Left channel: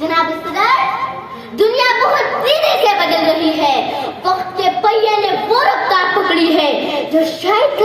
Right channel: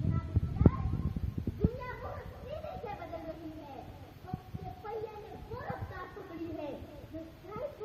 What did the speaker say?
जनाब सदर, दुनिया बहुत तेजी से बदल रही है। वक्त के पहिए ने वो रफ्तार पकड़ी है जो शायद